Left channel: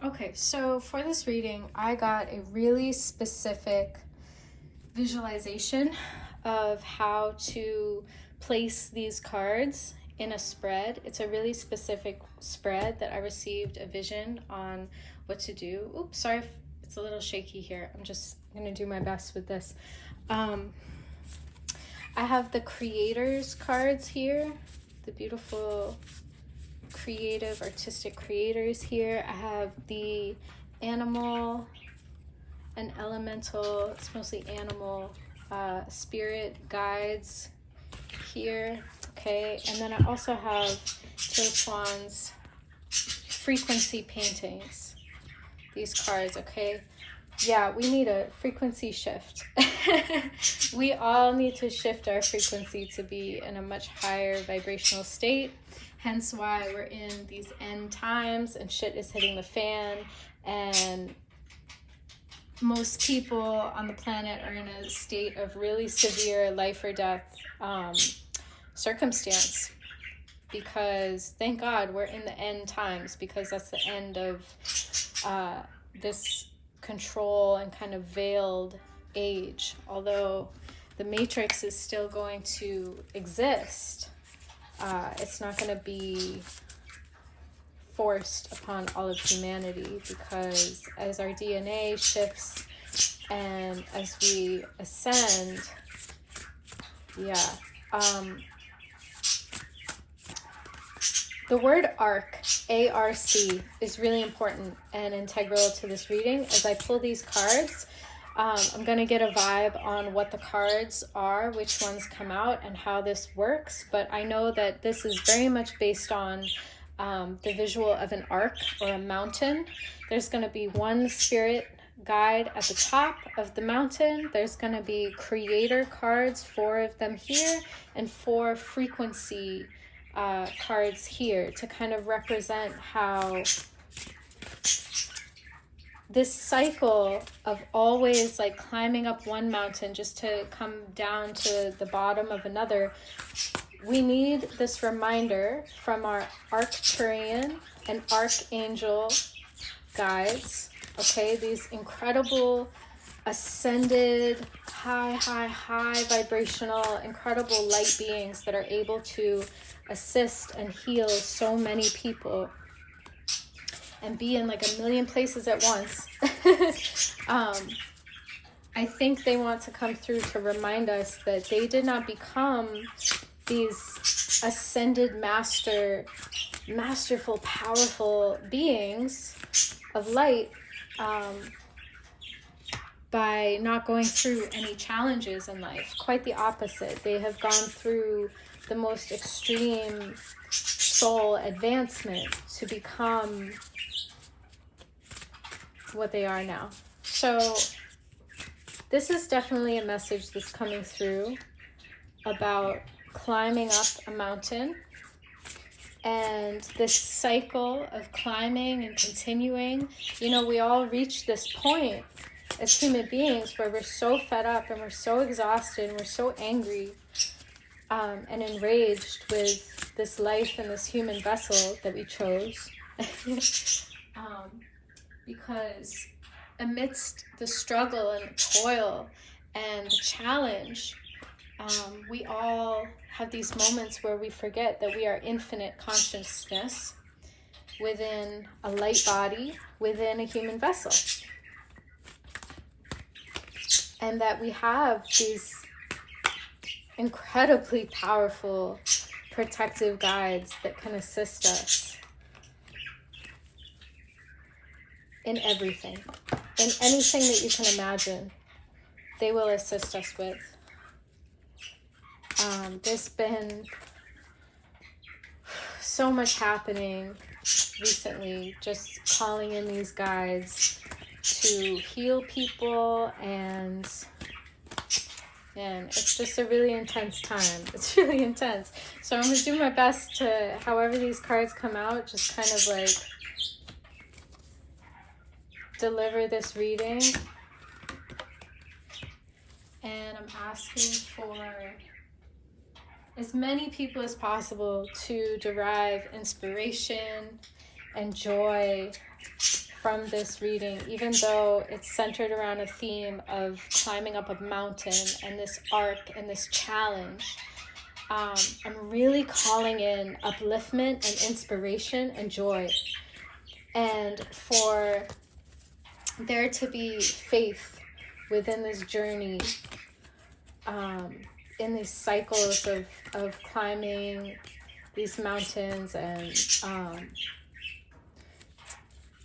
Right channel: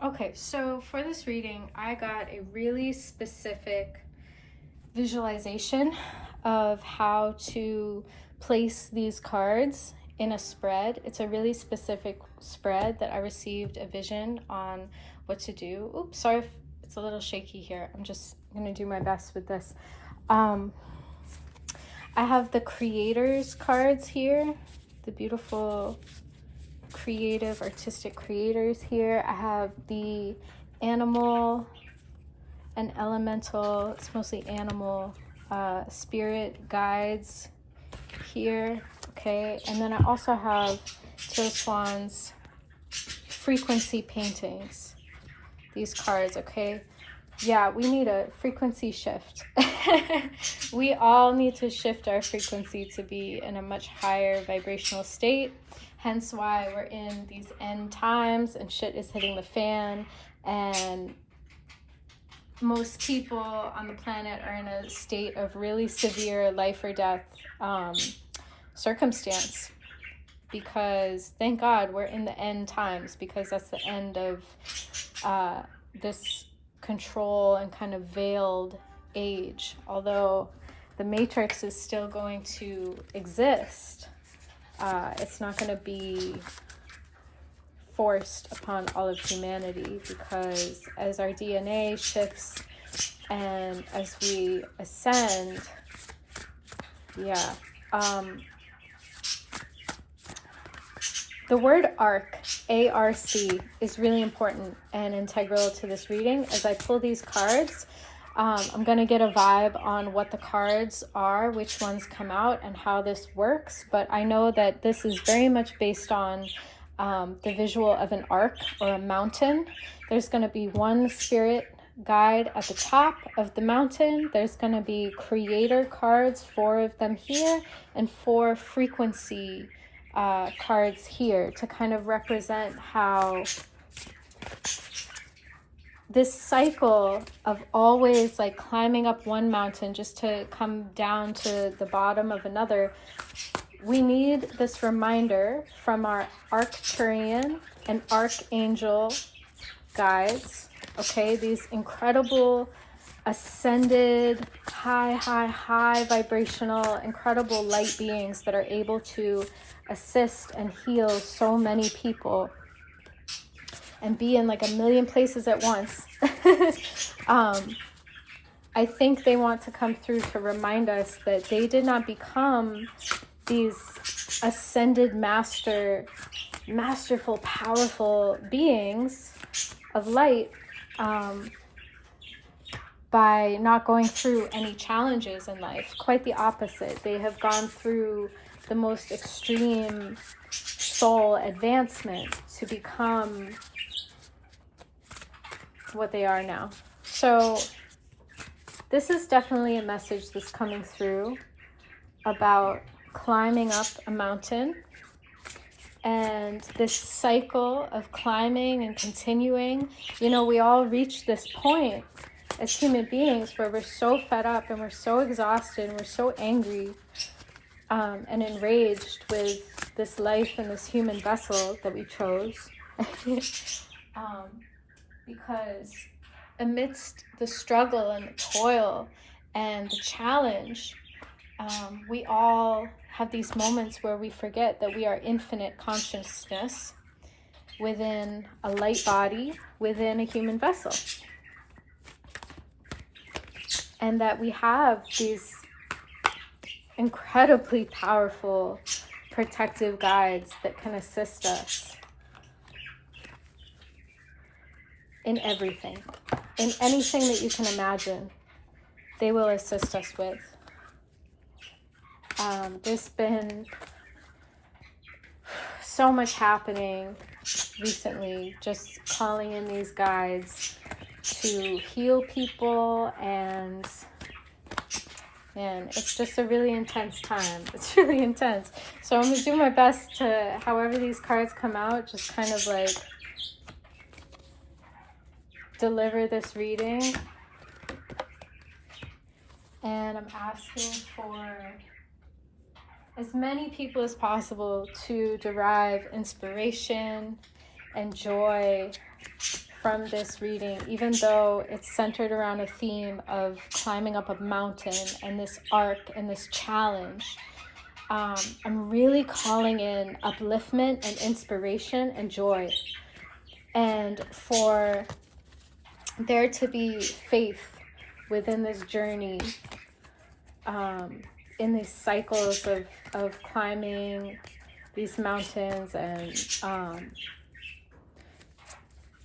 Okay, so for this reading, I got a really specific visualization of how to place these cards in a spread. It's a really specific spread that I received a vision on what to do. Oops, sorry if it's a little shaky here. I'm just gonna do my best with this. I have the creators cards here, the beautiful creative artistic creators here. I have the animal and elemental, it's mostly animal, spirit guides here. Okay, and then I also have Jill Swan's frequency paintings, these cards. Okay, yeah, we need a frequency shift. We all need to shift our frequency to be in a much higher vibrational state, hence why we're in these end times and shit is hitting the fan, and most people on the planet are in a state of really severe life or death circumstance, because thank God we're in the end times, because that's the end of this control and kind of veiled age. Although the matrix is still going to exist, it's not going to be forced upon all of humanity, because as our DNA shifts and as we ascend, the word arc, A-R-C, is really important and integral to this reading. As I pull these cards, I'm going to get a vibe on what the cards are, which ones come out, and how this works. But I know that this is very much based on the visual of an arc or a mountain. There's going to be one spirit guide at the top of the mountain. There's going to be creator cards, 4 of them here, and 4 frequency cards here, to kind of represent how this cycle of always like climbing up one mountain just to come down to the bottom of another. We need this reminder from our Arcturian and Archangel guides, okay? These incredible, ascended, high vibrational, incredible light beings that are able to assist and heal so many people and be in like a million places at once. I think they want to come through to remind us that they did not become these ascended masterful, powerful beings of light by not going through any challenges in life. Quite the opposite. They have gone through the most extreme soul advancement to become what they are now. So this is definitely a message that's coming through about climbing up a mountain, and this cycle of climbing and continuing. You know, we all reach this point as human beings where we're so fed up and we're so exhausted and we're so angry and enraged with this life and this human vessel that we chose. Because amidst the struggle and the toil and the challenge, we all have these moments where we forget that we are infinite consciousness within a light body, within a human vessel. And that we have these incredibly powerful protective guides that can assist us in everything, in anything that you can imagine. They will assist us with. There's been so much happening recently, just calling in these guides to heal people, and it's just a really intense time. It's really intense. So I'm gonna do my best to, however these cards come out, just kind of like deliver this reading. And I'm asking for as many people as possible to derive inspiration and joy from this reading, even though it's centered around a theme of climbing up a mountain and this arc and this challenge, I'm really calling in upliftment and inspiration and joy, and for there to be faith within this journey, in these cycles of climbing these mountains. And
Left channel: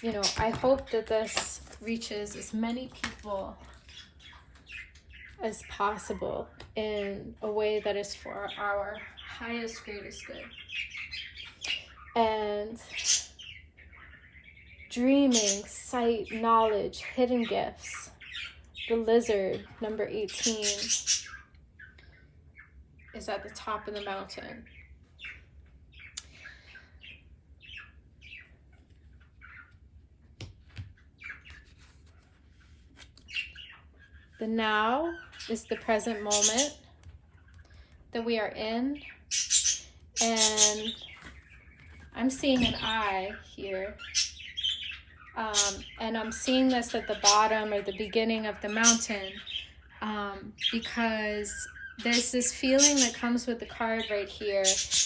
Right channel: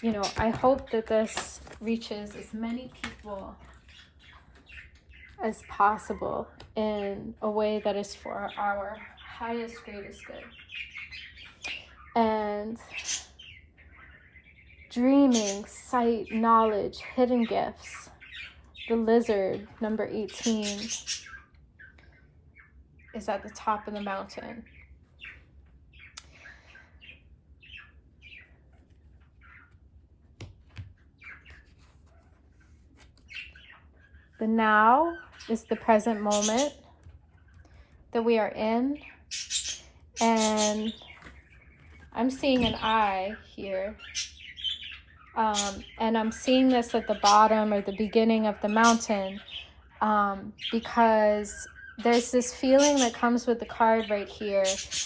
you know, I hope that this reaches as many people as possible in a way that is for our highest, greatest good. And dreaming, sight, knowledge, hidden gifts. The lizard, number 18, is at the top of the mountain. The now is the present moment that we are in, and I'm seeing an eye here, and I'm seeing this at the bottom or the beginning of the mountain, because there's this feeling that comes with the card right here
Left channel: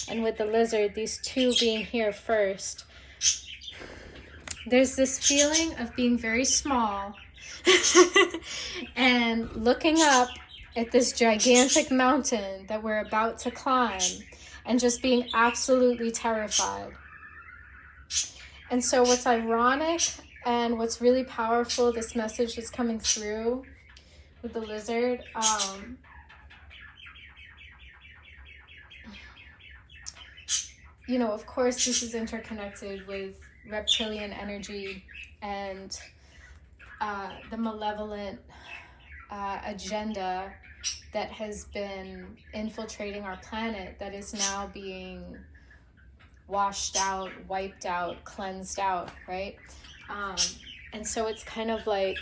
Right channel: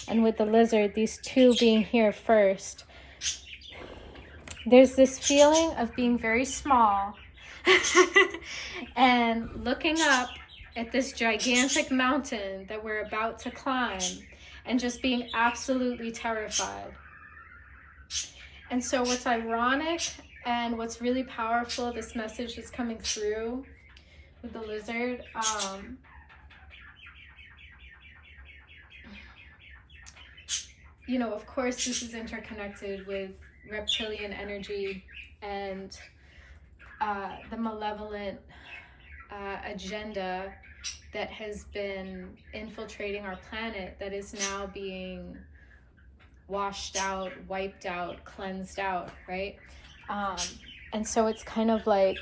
and with the lizard, these two being here first. There's this feeling of being very small and looking up at this gigantic mountain that we're about to climb and just being absolutely terrified. And so what's ironic and what's really powerful, this message is coming through with the lizard. You know, of course, this is interconnected with reptilian energy and the malevolent agenda that has been infiltrating our planet, that is now being washed out, wiped out, cleansed out, right? And so it's kind of like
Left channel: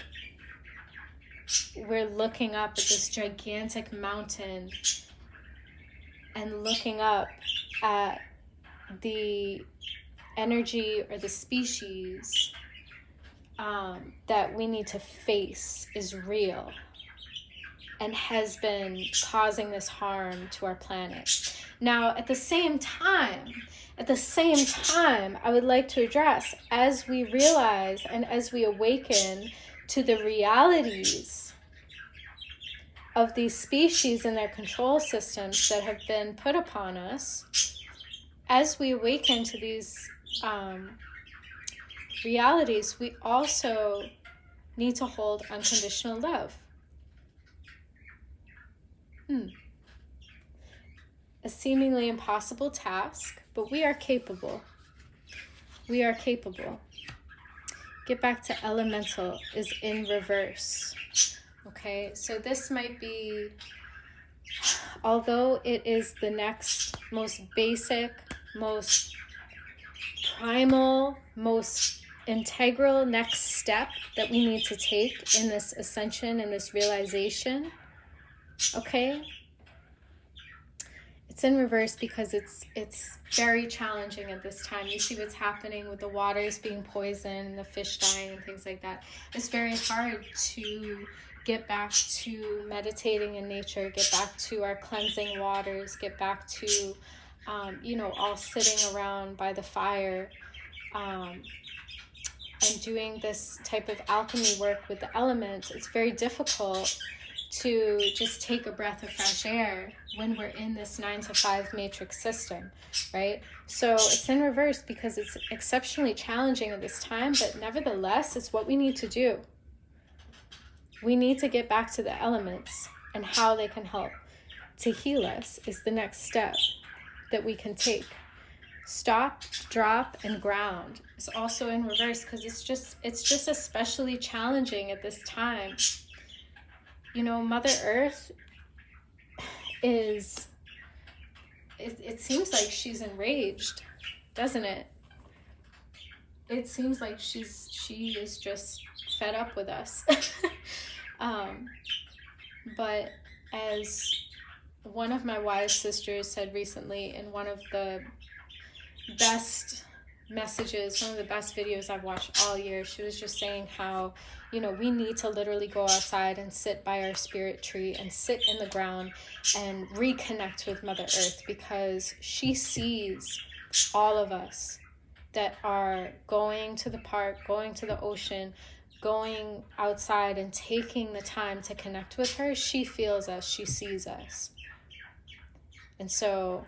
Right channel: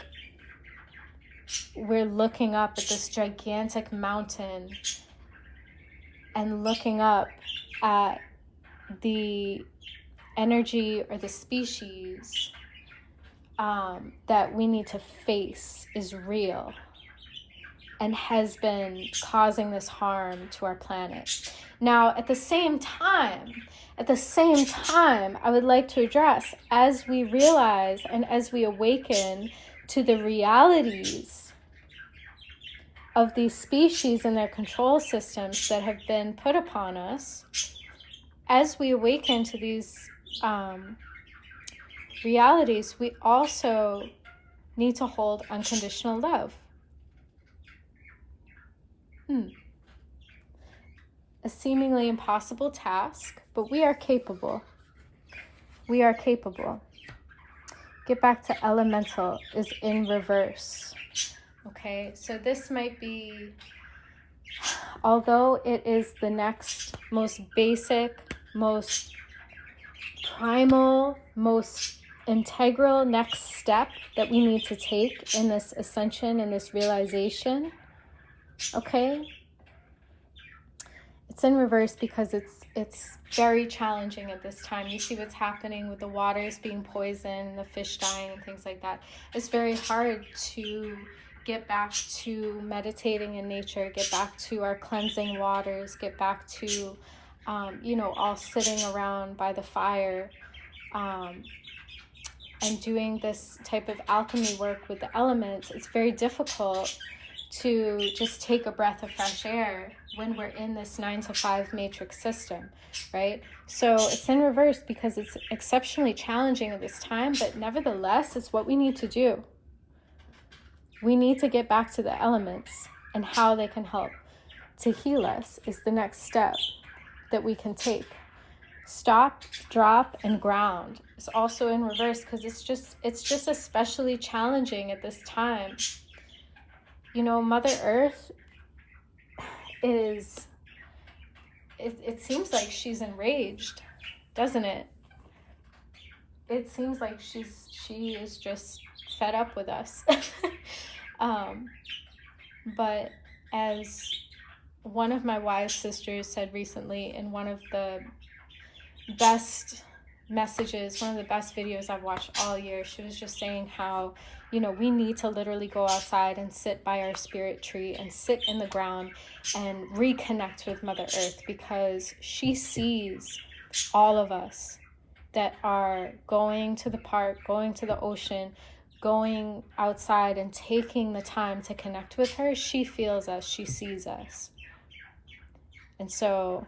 we're looking up at this gigantic mountain and looking up at the energy or the species that we need to face is real and has been causing this harm to our planet. Now, at the same time, I would like to address, as we realize and as we awaken to the realities of these species and their control systems that have been put upon us, as we awaken to these realities, we also need to hold unconditional love. A seemingly impossible task, but we are capable. We are capable. Get back to elemental is in reverse. Okay, so this might be, although it is the next most basic, most primal, most integral next step that we need to take in this ascension, in this realization, okay? It's in reverse because it's very challenging at this time. You see what's happening with the waters being poisoned, the fish dying and things like that. It's very hard to get back to meditating in nature, get back to our cleansing waters, get back to, you know, all sitting around by the fire, and doing this type of alchemy work with the elements. It's very difficult to just take a breath of fresh air when we're in this 9-to-5 matrix system, right? So it's in reverse because it's exceptionally challenging at this time, but nevertheless, it's what we need to do. We need to get back to the elements and how they can help to heal us is the next step that we can take. Stop, drop, and ground is also in reverse because it's just especially challenging at this time. You know, Mother Earth is, it seems like she's enraged, doesn't it? It seems like she is just fed up with us. But as one of my wise sisters said recently in one of the best messages, one of the best videos I've watched all year. She was just saying how, we need to literally go outside and sit by our spirit tree and sit in the ground and reconnect with Mother Earth, because she sees all of us that are going to the park, going to the ocean, going outside and taking the time to connect with her. She feels us, she sees us. And so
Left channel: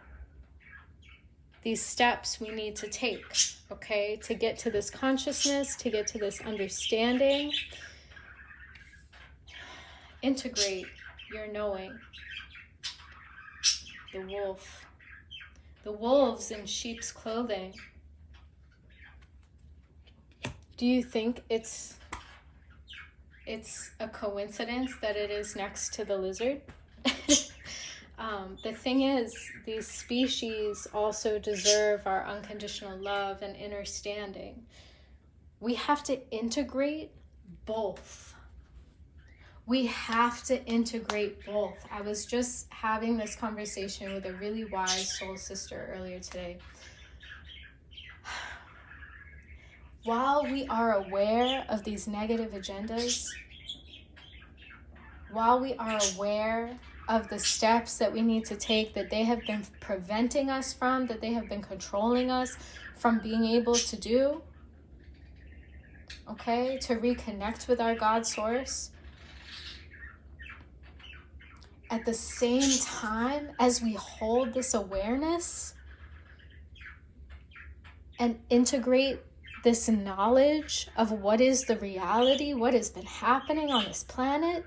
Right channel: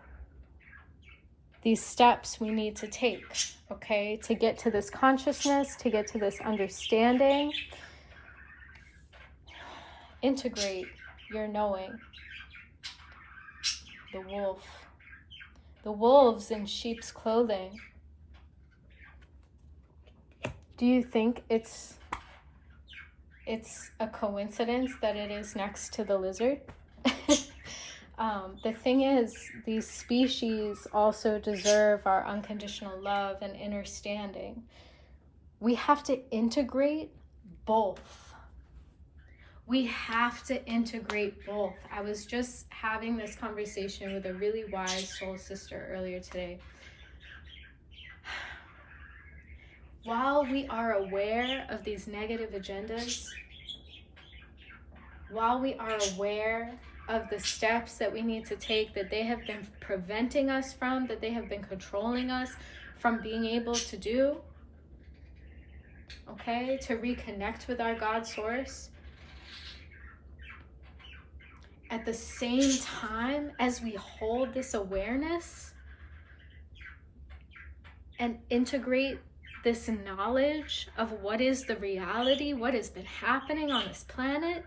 these steps we need to take, okay, to get to this consciousness, to get to this understanding. Integrate your knowing. The wolf. The wolves in sheep's clothing. Do you think it's a coincidence that it is next to the lizard? The thing is, these species also deserve our unconditional love and understanding. We have to integrate both. We have to integrate both. I was just having this conversation with a really wise soul sister earlier today. While we are aware of these negative agendas, while we are aware of the steps that we need to take, that they have been preventing us from, that they have been controlling us from being able to do, okay, to reconnect with our God source, at the same time as we hold this awareness and integrate this knowledge of what is the reality, what has been happening on this planet,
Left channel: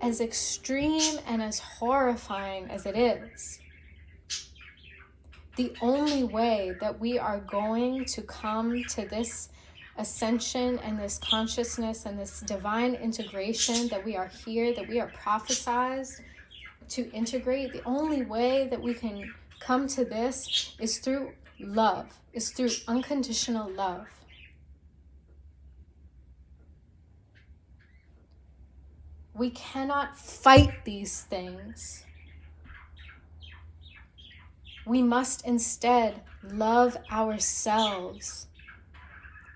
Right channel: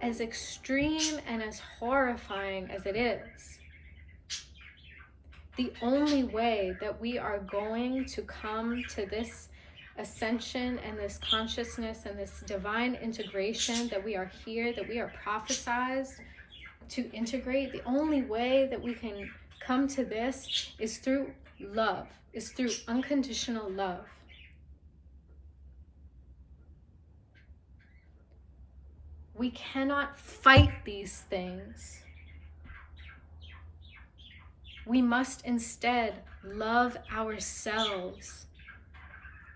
as extreme and as horrifying as it is, the only way that we are going to come to this ascension and this consciousness and this divine integration that we are here, that we are prophesized to integrate, the only way that we can come to this is through love, is through unconditional love. We cannot fight these things. We must instead love ourselves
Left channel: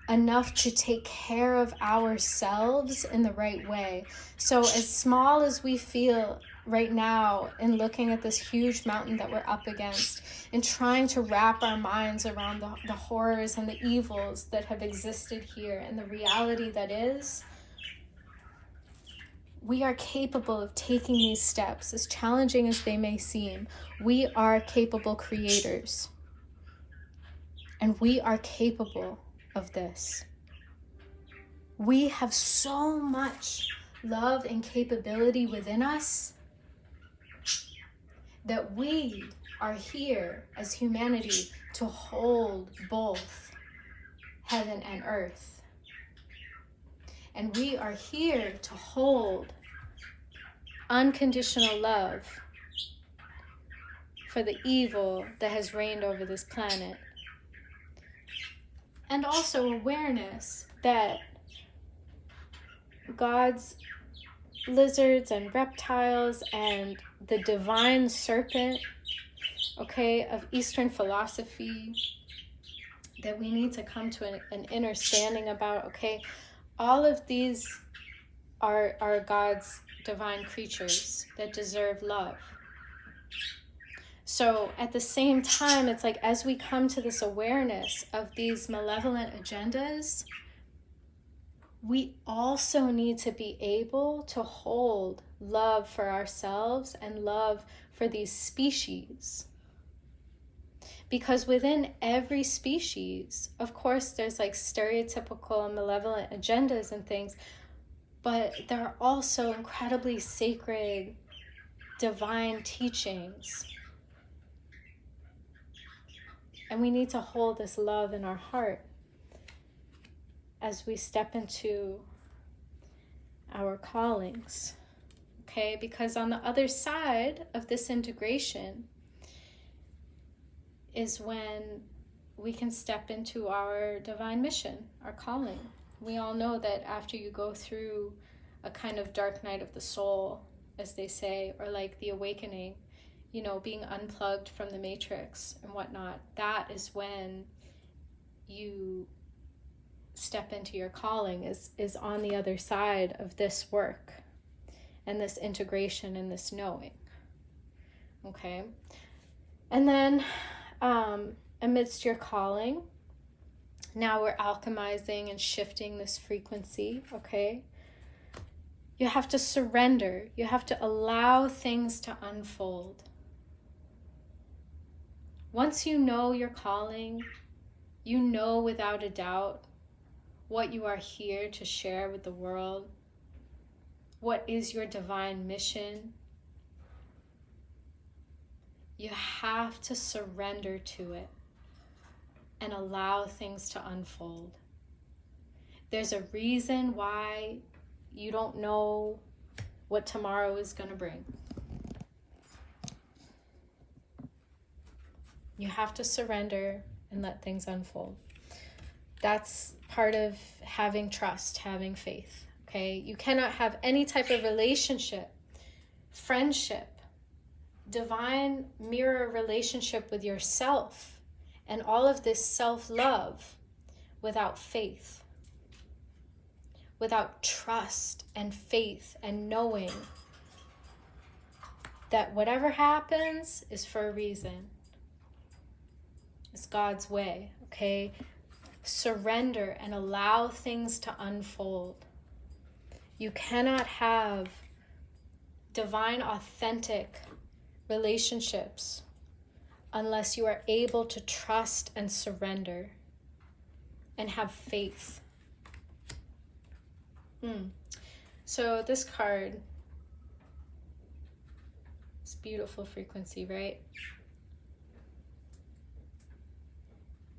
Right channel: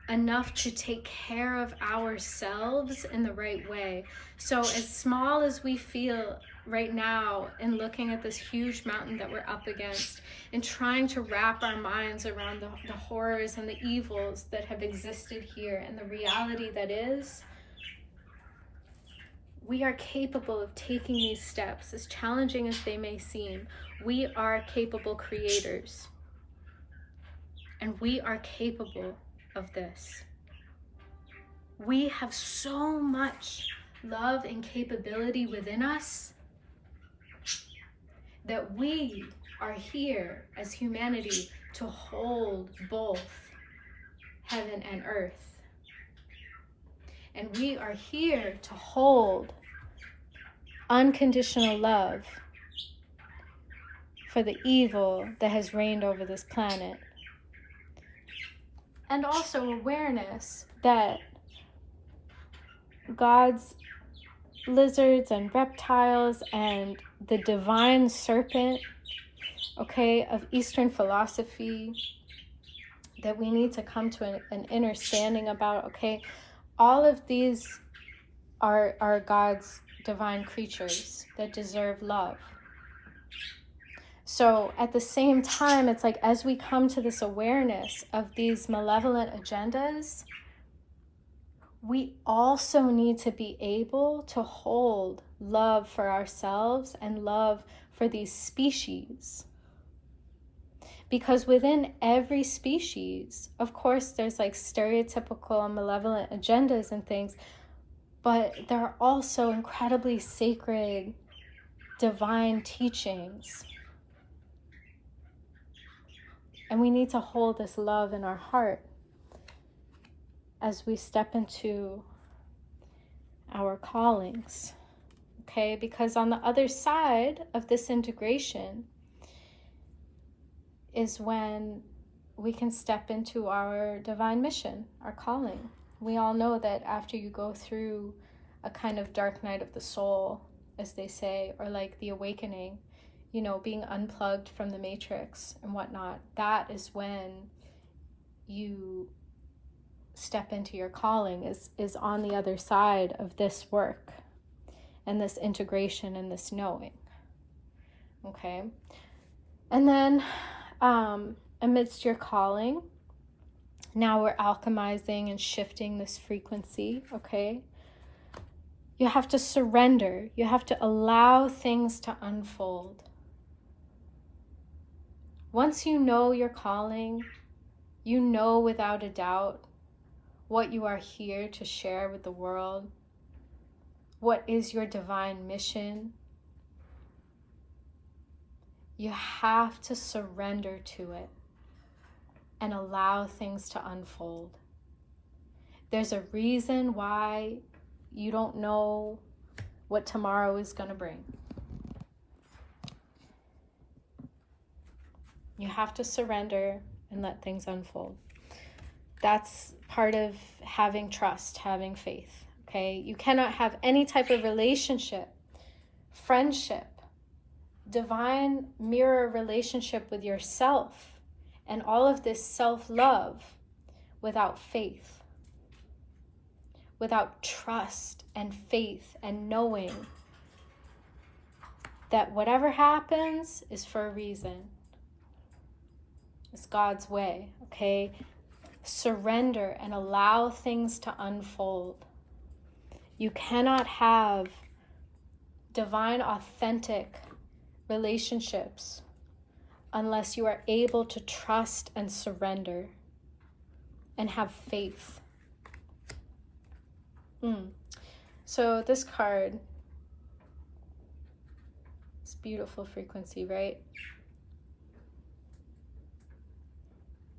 enough to take care of ourselves in the right way. So as small as we feel right now in looking at this huge mountain that we're up against and trying to wrap our minds around the horrors and the evils that have existed here and the reality that is, we are capable of taking these steps, as challenging as they may seem. We are capable creators, and we are capable of this. We have so much love and capability within us that we are here as humanity to hold both heaven and earth. And we are here to hold unconditional love for the evil that has reigned over this planet. And also awareness that God's lizards and reptiles and the divine serpent, okay, of Eastern philosophy, that we need to come to an understanding about, okay, all of these are God's divine creatures that deserve love. So at the same time, it's like, as we come to this awareness of these malevolent agendas, we also need to be able to hold love for ourselves and love for these species. Because within every species, of course, there's like stereotypical malevolent agendas and things, but there are also incredibly sacred, divine teachings. And we need to hold this love in our heart as we step into our callings, okay? Because on the other side of this integration is when we can step into our divine mission, our calling. We all know that after you go through a kind of dark night of the soul, as they say, or like the awakening, you know, being unplugged from the matrix and whatnot, that is when you step into your calling, is on the other side of this work and this integration and this knowing. Okay. And then amidst your calling, now we're alchemizing and shifting this frequency. Okay. You have to surrender. You have to allow things to unfold. Once you know your calling, you know without a doubt what you are here to share with the world. What is your divine mission? You have to surrender to it and allow things to unfold. There's a reason why you don't know what tomorrow is going to bring. You have to surrender and let things unfold. That's part of having trust, having faith, okay? You cannot have any type of relationship, friendship, divine mirror relationship with yourself and all of this self-love without faith, without trust and faith and knowing that whatever happens is for a reason. It's God's way, okay? Surrender and allow things to unfold. You cannot have divine, authentic relationships unless you are able to trust and surrender and have faith. So this card, it's beautiful frequency, right?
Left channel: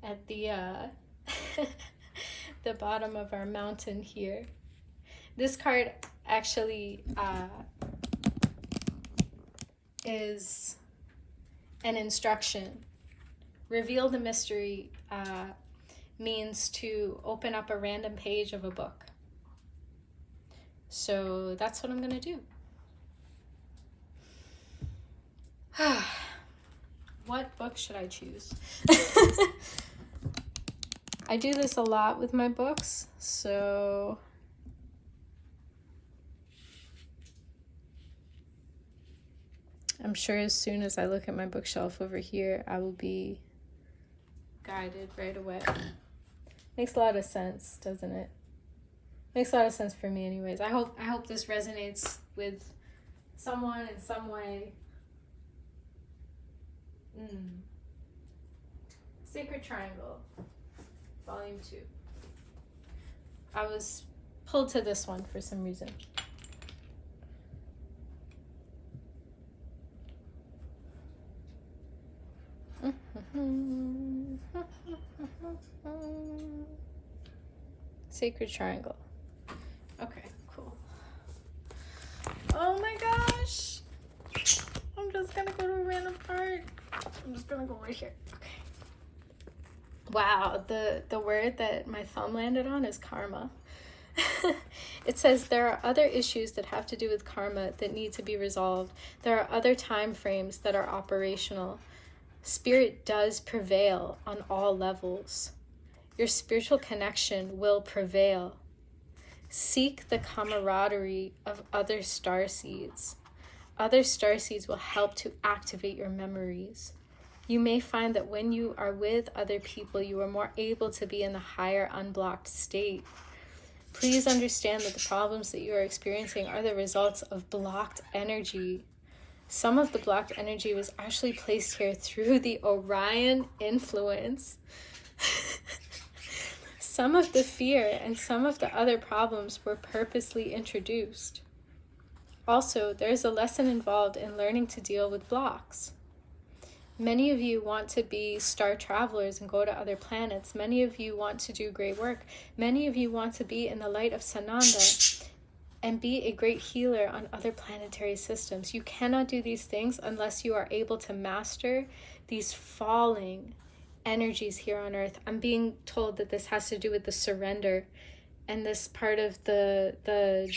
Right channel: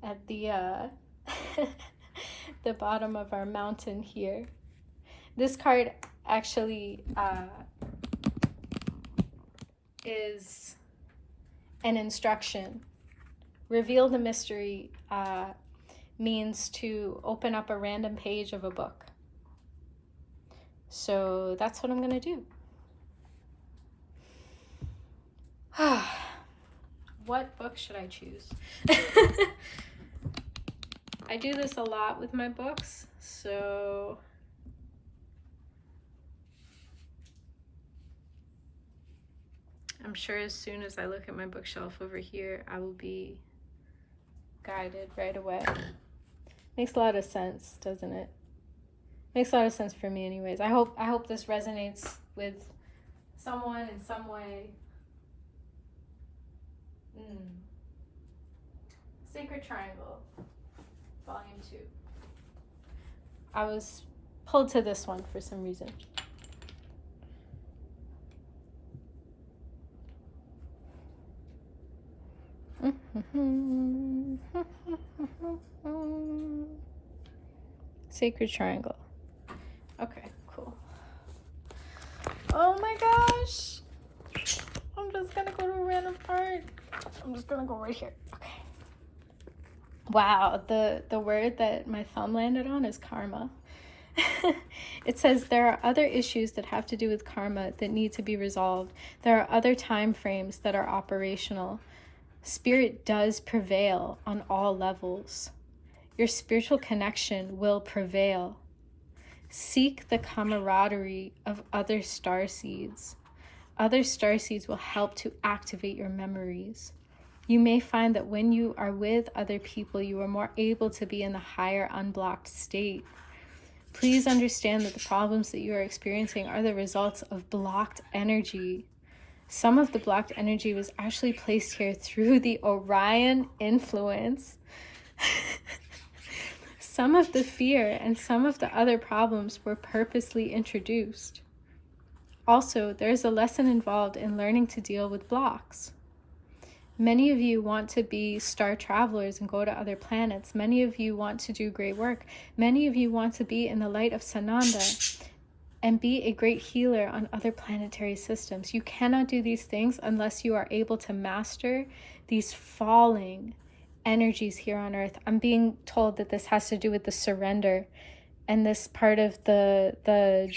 At the the bottom of our mountain here. This card actually is an instruction. Reveal the mystery means to open up a random page of a book. So that's what I'm going to do. What book should I choose? I do this a lot with my books, so I'm sure as soon as I look at my bookshelf over here, I will be guided right away. Makes a lot of sense, doesn't it? Makes a lot of sense for me anyways. I hope this resonates with someone in some way. Sacred Triangle, Volume 2. I was pulled to this one for some reason. Sacred Triangle. Okay, cool. Oh my gosh! I'm just gonna go to a random part. I'm just gonna go right here. Okay. Wow, the word that my thumb landed on is karma. It says there are other issues that have to do with karma that need to be resolved. There are other time frames that are operational. Spirit does prevail on all levels. Your spiritual connection will prevail. Seek the camaraderie of other starseeds. Other starseeds will help to activate your memories. You may find that when you are with other people, you are more able to be in the higher unblocked state. Please understand that the problems that you are experiencing are the results of blocked energy. Some of the blocked energy was actually placed here through the Orion influence. Some of the fear and some of the other problems were purposely introduced. Also, there is a lesson involved in learning to deal with blocks. Many of you want to be star travelers and go to other planets. Many of you want to do great work. Many of you want to be in the light of Sananda and be a great healer on other planetary systems. You cannot do these things unless you are able to master these falling energies here on Earth. I'm being told that this has to do with the surrender and this part of the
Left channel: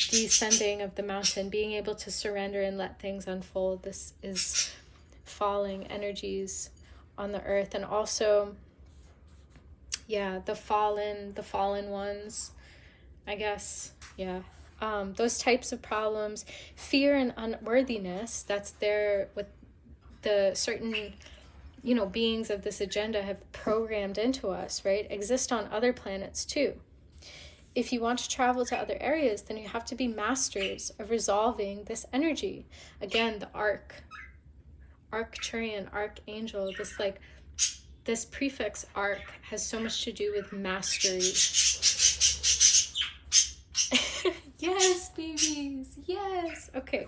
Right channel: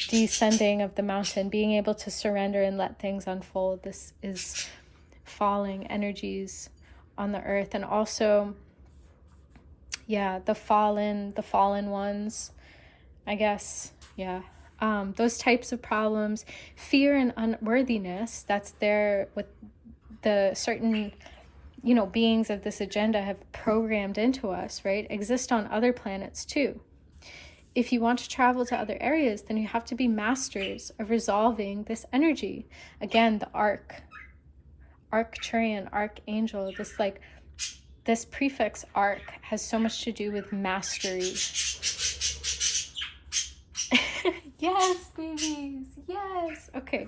descending of the mountain, being able to surrender and let things unfold. This is falling energies on the earth, and also, yeah, the fallen ones, I guess. Yeah. Those types of problems, fear and unworthiness, that's there with the certain, you know, beings of this agenda have programmed into us, right? Exist on other planets too. If you want to travel to other areas, then you have to be masters of resolving this energy. Again, the Arcturian, Archangel, this prefix arc has so much to do with mastery. Yes, babies, yes. Okay.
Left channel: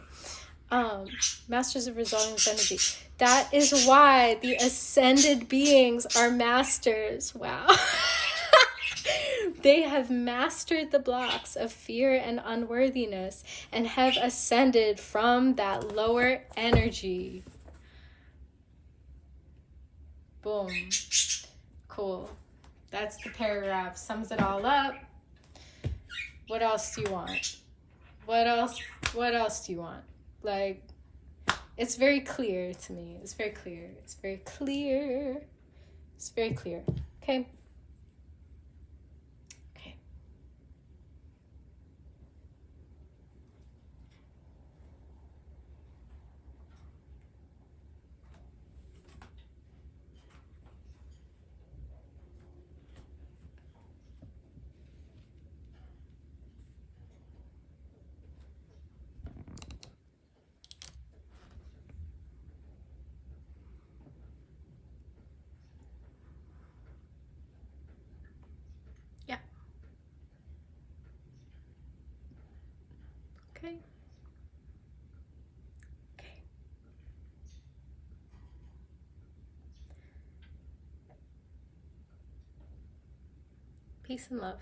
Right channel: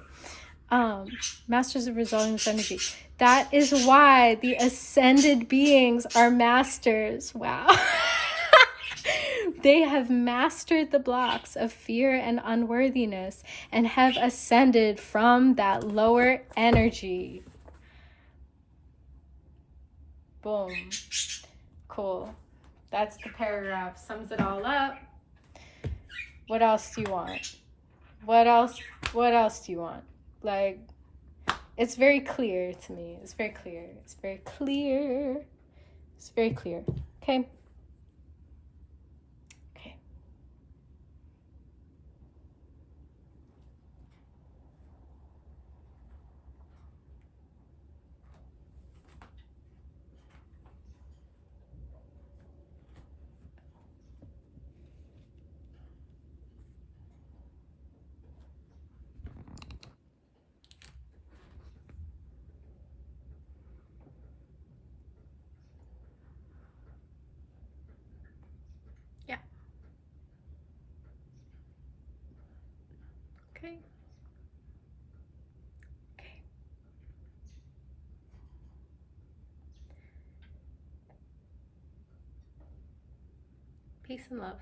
Masters of resolving this energy. That is why the ascended beings are masters. Wow. They have mastered the blocks of fear and unworthiness and have ascended from that lower energy. Boom. Cool. That's the paragraph. Sums it all up. What else do you want? What else do you want? Like, it's very clear to me. It's very clear. It's very clear. It's very clear. Okay. Okay. Yeah. Okay. Okay. Peace and love.